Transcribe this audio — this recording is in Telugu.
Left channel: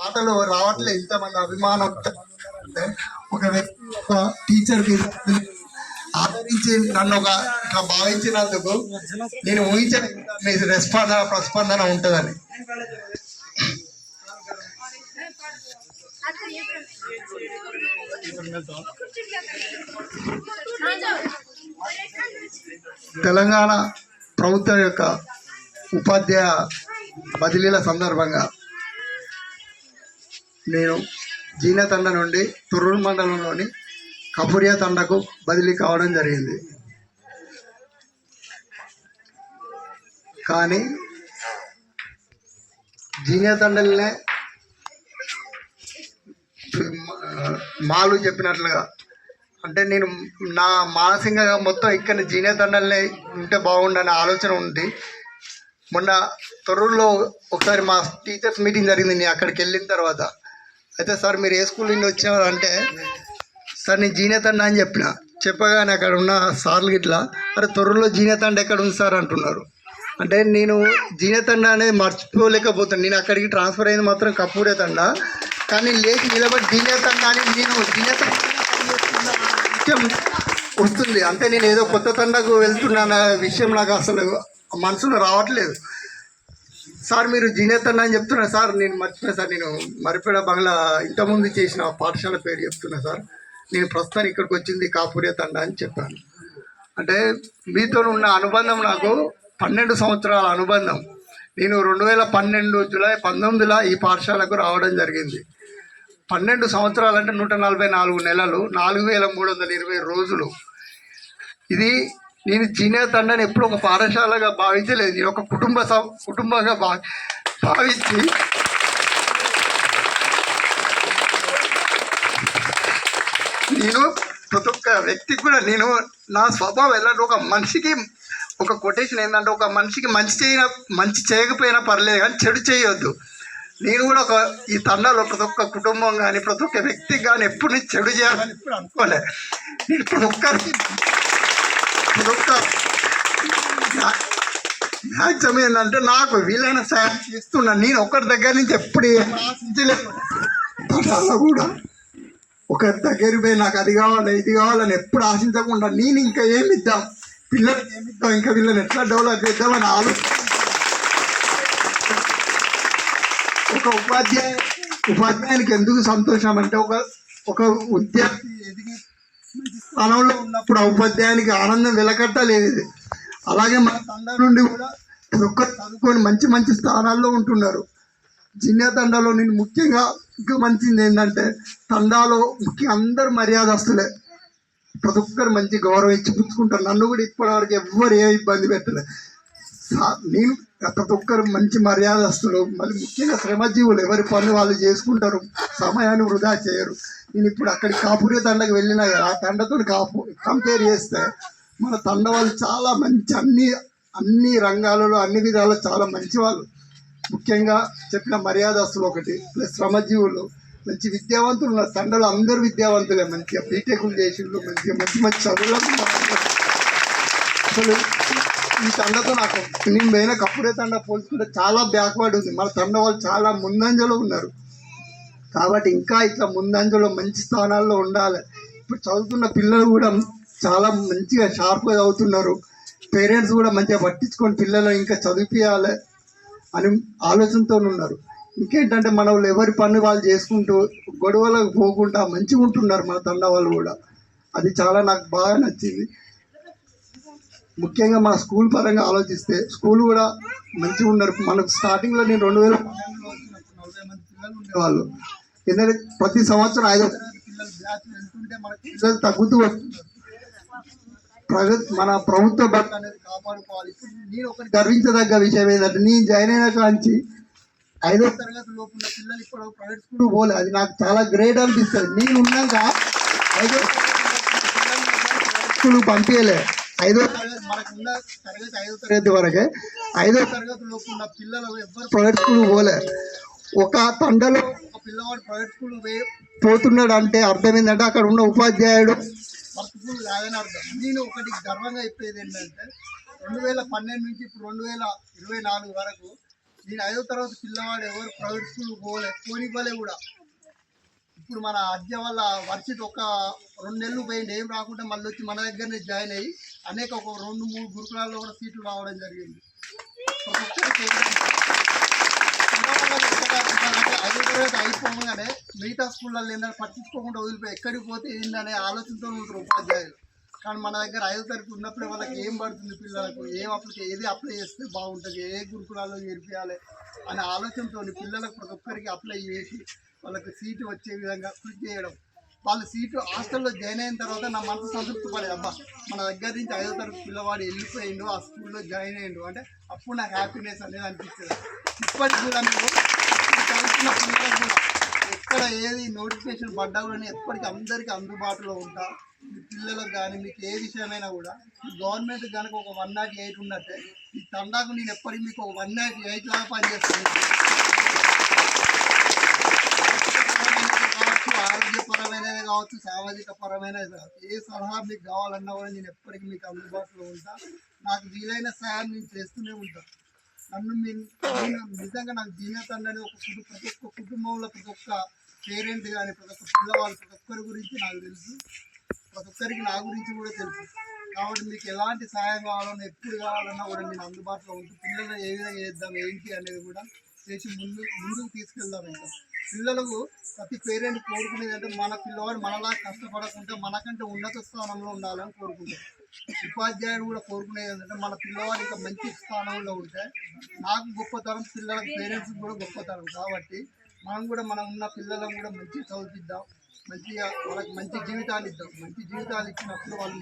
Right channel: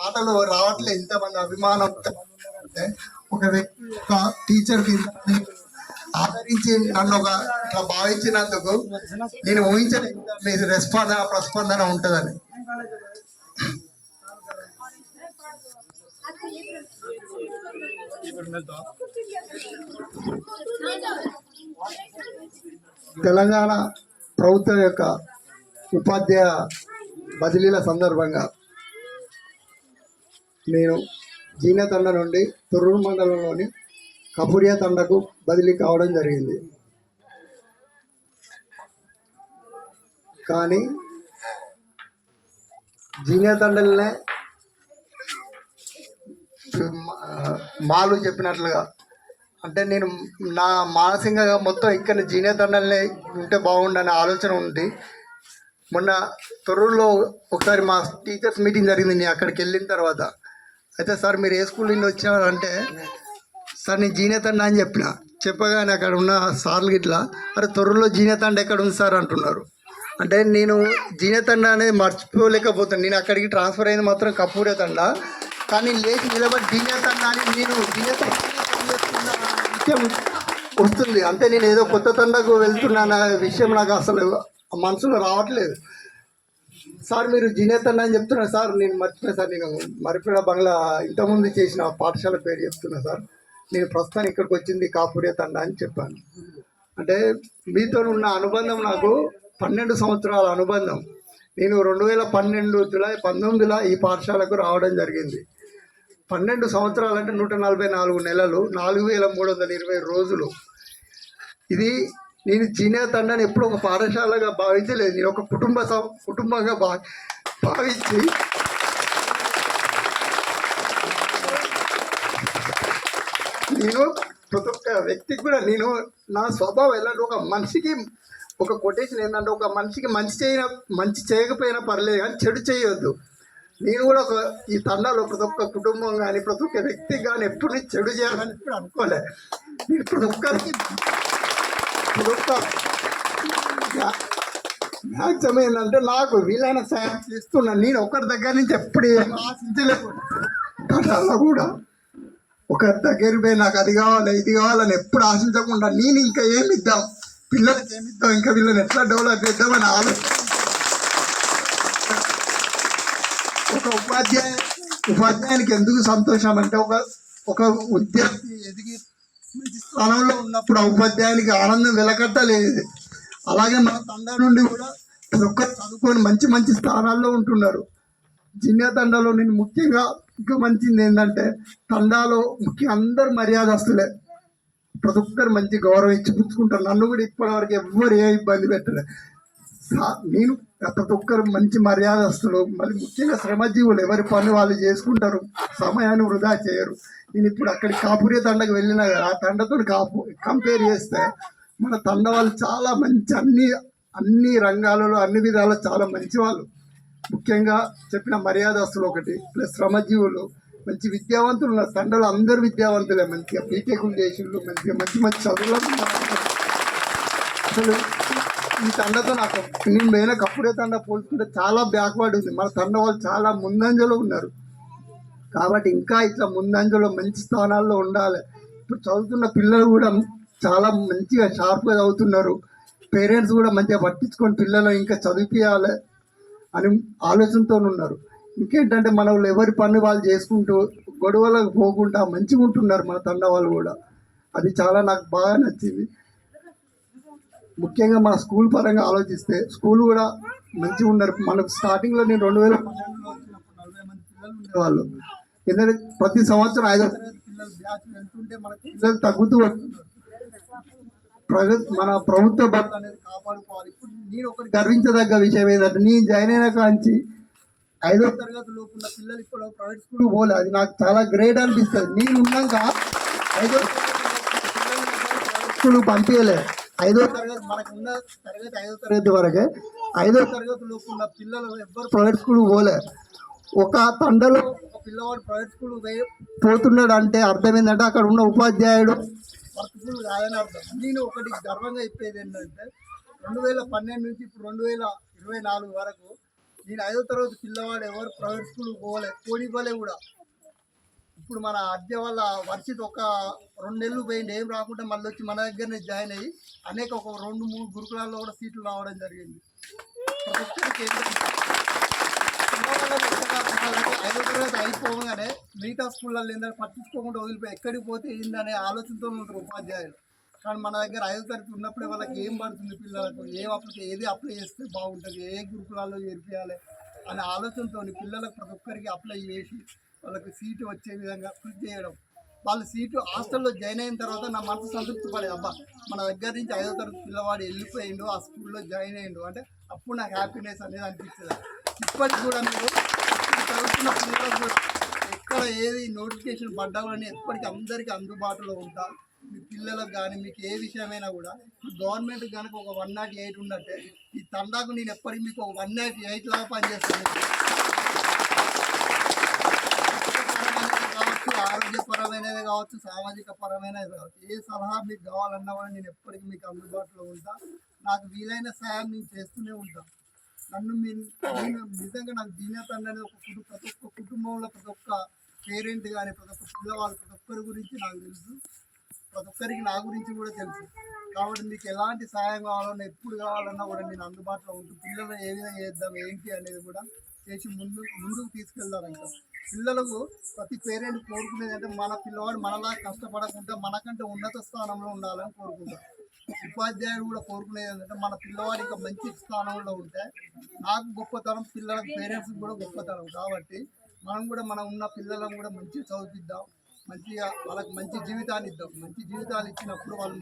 మాటలు రావట్లే. ఇంతమంది అభిమానం అంటే ఒక వ్యక్తి ఒక టీచర్ ఆదరించి నన్ను ఒక ఇట్లా భావించినందుకు నేను ఊహించను మీ ప్రస్పందన ఉంటుందని. తెలంగాణ ప్రభుత్వం యొక్క ఉపాధ్యాయ బదిలీల సందర్భంగా నేను జీనా తండ నుండి తొర్రూరు మండలంలోని కపురియా తండకు బదిలీ కావడం జరిగింది. కానీ జీనా తండలనే మాలు చెప్పినట్లుగా అంటే నేను నా మానసికంగా మొత్తం ఇక్కడ జీనా తండలనే ఉంటే బాగుండనే ఆలోచన ఉంది. మొన్న తొర్రూరులో ఒకసారి మా టీచర్స్ మీటింగ్ జరిగింది. నేను అక్కడికి వెళ్ళిన తర్వాత అయితే సార్ మీరు ఏ స్కూల్ నుండి వచ్చారు అంటే సార్ నేను జీనా తండ అని చెప్పగానే అక్కడ ఉన్న సార్లు ఇట్లా అరే తొర్రూరులో జీనా తండ ఎక్కడ ఉంది సార్ అంటున్నారు. అంటే నేను జీనా తండ అనేది మర్చిపోలేకపోతాను. నేను అక్కడికి ట్రాన్స్ఫర్ అయింది మాత్రం కపూరే తండ, కానీ లేచి నిలబడి జీనా తండ అని నేను జీనా తండ విషయం వస్తుంది. అంటే నేను ఏదో కొత్త తండకు వెళ్తున్నా విషయం నాకు అసలు మనసులో రావట్లేదు. సార్ మీరు జీనా తండ అని చెప్తున్నారు సార్, నేను మర్చిపోయాను సార్, నేను మరిపేడ బంగ్లా ఇంతకుముందు చేసిన పాఠశాల పేరు చెప్తున్నా సార్, నేను ప్రస్తుతం ఇక్కడికి వచ్చింది కాపురియా తండ అని చెప్పాను. అంటే మీతో ఉన్న అనుబంధం నాకు 12 సంవత్సరాల అనుబంధం. నేను 2012 జూలై 19లో ఈ పాఠశాలకు రావడం జరిగింది. 12 సంవత్సరాలు అంటే 144 నెలలు, 4320 రోజులు. ఇది నేను జీనా తండని ఎప్పుడు ఒక పాఠశాలగా భావించలేదు. నేను ఒక కుటుంబంగా భావించి నేను ప్రతి ఒక్క వ్యక్తికి కూడా నేను నా స్వభావం ఎలాంటి ఒక మనిషికి ఒక కొటేషన్ ఏంటంటే ఒక మనిషికి మంచి చేయకపోయినా పర్లేదు కానీ చెడు చేయొద్దు. నేను కూడా ఈ తండాలో ప్రతి ఒక్క కుటుంబం కానీ ప్రతి ఒక్క వ్యక్తికి కానీ ఎప్పుడు నేను చెడు చేయాలని ఎప్పుడు అనుకోలే. నేను ప్రతి ఒక్కరికి మ్యాక్సిమం ఏంటంటే నాకు వీలైన సాయం చేస్తున్నాను. నేను ఒకరి దగ్గర నుంచి ఎప్పుడు ఏం ఆశించలేదు. తండాలో కూడా ఒకరి దగ్గరికి పోయి నాకు అది కావాలి ఇది కావాలని ఎప్పుడు ఆశించకుండా నేను ఇంకా ఏమి ఇద్దాం పిల్లలకి ఏమిద్దాం ఇంకా వీళ్ళని ఎట్లా డెవలప్ చేద్దామని ఆలోచన. ఒక ఉపాధ్యాయునికి ఎందుకు సంతోషం అంటే ఒక విద్యార్థి ఎదిగి మంచి స్థానంలో ఉన్నప్పుడు ఆ ఉపాధ్యాయునికి ఆనందం వెలకట్టలేదు. అలాగే మన తండా నుండి కూడా ఒక్కరు చదువుకొని మంచి స్థానాల్లో ఉంటున్నారు. జీనా తండాలో నేను ముఖ్యంగా గమనించింది ఏంటంటే తండాలో ముఖ్యంగా అందరు మర్యాదస్తులే, ప్రతి ఒక్కరు మంచి గౌరవం ఇచ్చి పుచ్చుకుంటారు. నన్ను కూడా ఇప్పటివరకు ఎవ్వరు ఏ ఇబ్బంది పెట్టలేదు. నేను ప్రతి ఒక్కరు మంచి మర్యాదస్తులు, మళ్ళీ ముఖ్యంగా శ్రమజీవులు, ఎవరి పని వాళ్ళు చేసుకుంటారు, సమయాన్ని వృధా చేయరు. నేను ఇప్పుడు అక్కడికి కాపురియా తండకు వెళ్ళినా కదా ఆ తండతో కంపేర్ చేస్తే మన తండ వాళ్ళు చాలా మంచి అన్ని రంగాలలో అన్ని విధాలు చాలా మంచి వాళ్ళు. ముఖ్యంగా చెప్పిన మర్యాదస్తులు ఒకటి ప్లస్ శ్రమజీవులు మంచి విద్యావంతులు ఉన్నారు. తండలో అందరు విద్యావంతులే, మంచిగా బీటెక్లు చేసిండ్రు, మంచిగా మంచి చదువులకు. అసలు ఈ తండతో నాకు నేను పోయిన కపురియా తండ పోల్చుకుంటే చాలా బ్యాక్వర్డ్ ఉంది. మన తండ వాళ్ళు చాలా ముందంజలో ఉన్నారు. కాబట్టి ఇంకా ఇట్లా ముందంజలో మంచి స్థానాల్లో ఉండాలి. ఇప్పుడు చదువుతున్న పిల్లలు కూడా చాలా మంచిగా షార్ప్గా చదువుతున్నారు. పేరెంట్స్ కూడా మంచిగా పట్టించుకొని పిల్లలు ఇంకా చదివించాలి అని ఆలోచనతో ఉన్నారు. ఇంకేంటంటే మన వాళ్ళు ఎవరి పని వాళ్ళు చేసుకుంటూ గొడవలకు పోకుండా మంచిగా ఉంటున్నారు మన తండ వాళ్ళు కూడా. అది చాలా నాకు బాగా నచ్చింది. ముఖ్యంగా మన స్కూల్ పరంగా ఆలోచిస్తే స్కూల్ కూడా మంచిగా ఉన్నారు. మనకు స్టార్టింగ్లో నేను 2012లో వచ్చినప్పుడు 40 మంది పిల్లలు ఉండేవాళ్ళు. ఎందుకంటే ప్రతి సంవత్సరం 5వ తరగతి పిల్లలు బ్యాచ్ వెళ్తుంటే మనకి పిల్లలు తగ్గుతూ వస్తున్నారు. మన ప్రభుత్వ బడులు అనేది కాపాడుకోవాలి. ఇప్పుడు నేను ఒకటి గర్వించదగ్గ విషయం ఏంటంటే నేను జాయిన్ అయిన కాంచి 5వ తరగతి లోపు ఉన్న పిల్లలు ఇప్పుడు ప్రైవేట్ స్కూల్ పోలే. అది నాకు చాలా గ్రేట్ అనిపిస్తుంది. నేను ఉన్నాక 5వ స్కూల్ పంపించలే. 5వ తరగతి మనకున్న తరగతి 5వ తరగతి వరకే. 5వ తరగతి లోపు ఉన్న పిల్లలు ఎవ్వరు ప్రైవేట్ స్కూల్ పోలే. ఒక తండలో ఒక పిల్లవాడు ప్రైవేట్ స్కూల్ పోతున్నాడు అంటే అర్థం ఏంటంటే అక్కడ ఉన్న ఉపాధ్యాయుడు వర్క్ఫుల్ కాదని అర్థం. నేను ఒకటి గర్వంగా చెప్పేది ఏంటంటే 2012 నుంచి ఇప్పుడు 2024 వరకు నేను 5వ తరగతి పిల్లవాడు ఎవరు ప్రైవేట్ స్కూల్కి పోనివ్వలే కూడా. ఇప్పుడు మన అద్దె వల్ల వర్షిత్ ఒక 2 నెలలు పోయింది, ఏం రాకుండా మళ్ళీ వచ్చి మన దగ్గరనే జాయిన్ అయ్యి అనేక ఒక 2-3 గురుకులాల్లో కూడా సీట్లు రావడం జరిగింది. ఒక్కొక్కరికి పిల్లవాళ్ళకి 5వ తరగతి అయిపోగానే మిగతా స్కూళ్ళల్లో ఏంటంటే పట్టించుకోకుండా వదిలిపోయి ఎక్కడికి పోతే ఏంటనే ఆలోచనతో ఉంటారు ఉపాధ్యాయులు. కానీ మన దగ్గర 5వ తరగతి ఉన్నప్పుడే వాళ్ళకి ఏం పడుతుంది, పిల్లలకు ఏది అప్లై చేస్తే బాగుంటుంది, ఏ గురుకులాల్లో చేర్పియాలి అనే ఆలోచనతో పిల్లలకు ప్రతి ఒక్కరికి అప్లై చేసి వాళ్ళకి సీటు వచ్చే విధంగా కృషి చేయడం. వాళ్ళు సీటు హాస్టల్లో జాయిన్ అయిన తర్వాత నా మనసు సంతృప్తి పడే, అబ్బా మన దగ్గర నుంచి 5వ తరగతి పిల్లవాడు వెళ్ళిపోయిండు, ఆ స్కూల్లో జాయిన్ అయ్యిండు అంటే అప్పుడు నాకు హ్యాపీనెస్ అనేది అనిపించేది. ఇప్పటికి కూడా మీరు చదువుతున్న పిల్లలకు కూడా ఎక్కడ ఏది నోటిఫికేషన్ పడ్డా కూడా నేను ఎప్పటికీ అందరికీ అందుబాటులో ఉంటా. మీ పిల్లలకు కానీ మీకు ఏ విషయమైనా కూడా గవర్నమెంట్ కనుక ఒక 108 ఉన్నట్టే ఈ తండాకు నేను ఎప్పటికీ మీకు ఒక 108 లాగా పనిచేస్తాను. కావచ్చు, ఆరోగ్యపరమైనది కావచ్చు, సామాజిక పరమైనది కావచ్చు, ఏ సలహా మీకు కావాలన్నా కూడా నేను ఎప్పటికీ మీకు అందుబాటులో ఉంటా. నాకు వీలైన సాయం నేను చేస్తూనే ఉంటాను. నేను నిజంగా నాకు దీనత అనేది ప్రతి ఒక్క కుటుంబంలో ప్రతి ఒక్క పేరెంట్ కానీ ప్రతి ఒక్క పిల్లవాళ్ళు ప్రతి ఒక్కరి గురించి నాకు తెలుసు, ప్రతి ఒక్కరికి నా గురించి కూడా తెలుసు. కాబట్టి మీకు ఎలాంటి సహాయం కావాలన్నా ఎప్పుడు కావాలన్నా కూడా నేను అందుబాటులో ఉంటూ పిల్లలు ఏ విధంగా చేద్దాం ఏంటి అనేది కూడా చేసి ముందుకు తీసుకెళ్దాం. ఇంకా పిల్లలకు ప్రతి పేరెంట్ కోరుకునేది అంటే మన పిల్లవాడు మనలా కష్టపడకుండా మనకంటే ఉన్నత స్థానంలో ఉండాలని కోరుకుంటాం. ఉపాధ్యాయుడు కూడా కోరుకునేది ఏంటంటే మన పిల్లవాడు ఇంకా మంచి స్థానంలో ఉంటే నాకు గొప్పతనం, పిల్లలకు పేరెంట్స్కి కూడా గొప్పతనం. కాబట్టి మనం ఉన్న పిల్లలను కూడా మంచి చదివిద్దాం, మంచిగా వాళ్ళకి మంచి జీవితాలు ఇద్దాం. మంచి జీవితాలు ఇచ్చినప్పుడు వాళ్ళు